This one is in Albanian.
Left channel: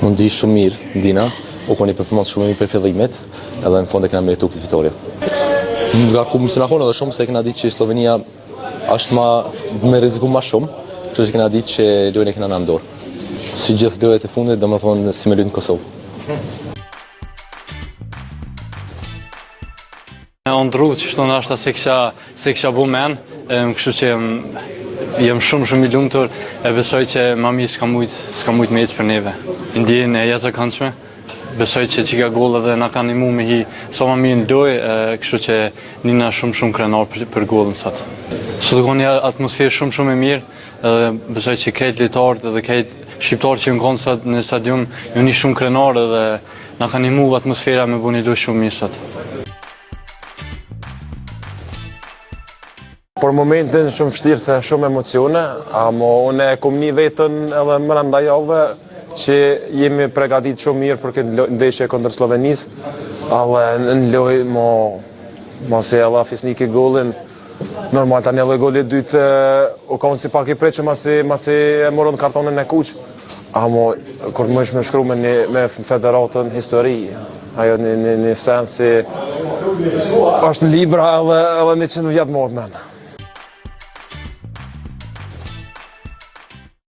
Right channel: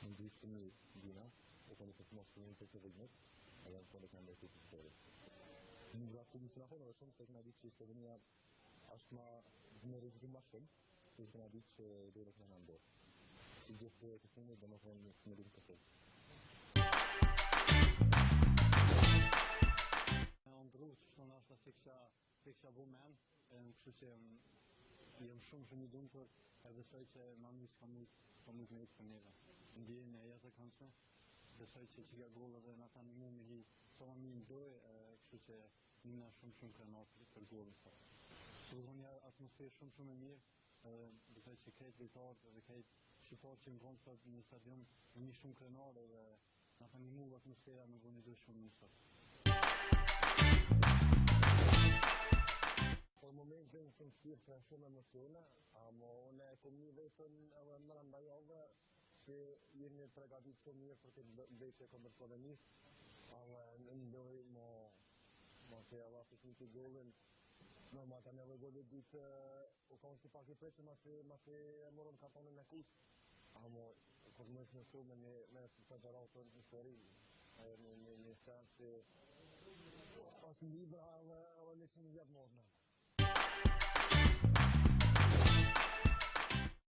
Mund di shumë mirë, Dina, u koni performancë shumë mirë për fillimet, edhe në fund e kena meritu këtë fitoria. Nga ku më sinakon edhe shumë se kena ditë që Slovenia është me rreziku ma shumë, kështu që kena ditë që lojën e kena në ndorë. Si gjithë lojët e fundit, do më thonë si me lojën në Kosovë. On ndru që shto nashta se kisha bu men, kështu që jem shumë i lumtur e besoj që ma mirë s'ka mujt me ecë për neve. Ndjen e jashtëzakonshme. Besoj që çika golla dhe na kanë ndihmuar me hi sa më mirë në lojë, kështu që nina shumë krenar për gollën sot. Sot ka një atmosferë shumë e mirë, edhe besoj që këtë lojtarët edhe këtë shqiptarë që kanë sot në stadium janë shumë krenar dhe na kanë ndihmuar atmosfera me bëni lojë shumë mirë sot. Për momentin shumë vështirë se shumë emocione, ama unë e kom një vetën edhe mbranda javëve që jemi pregadit shumë mirë për këtë ndeshje kundër Slovenisë, ale në lojë mos e alla fisniki gollin. Normal tani edhe goli i dytë u ka si pak i preqë masi e morën kartonin e kuq. Ama kur më është me shkru me federatën histori, ajo një sen si është në libra edhe 100 vjetë modë men.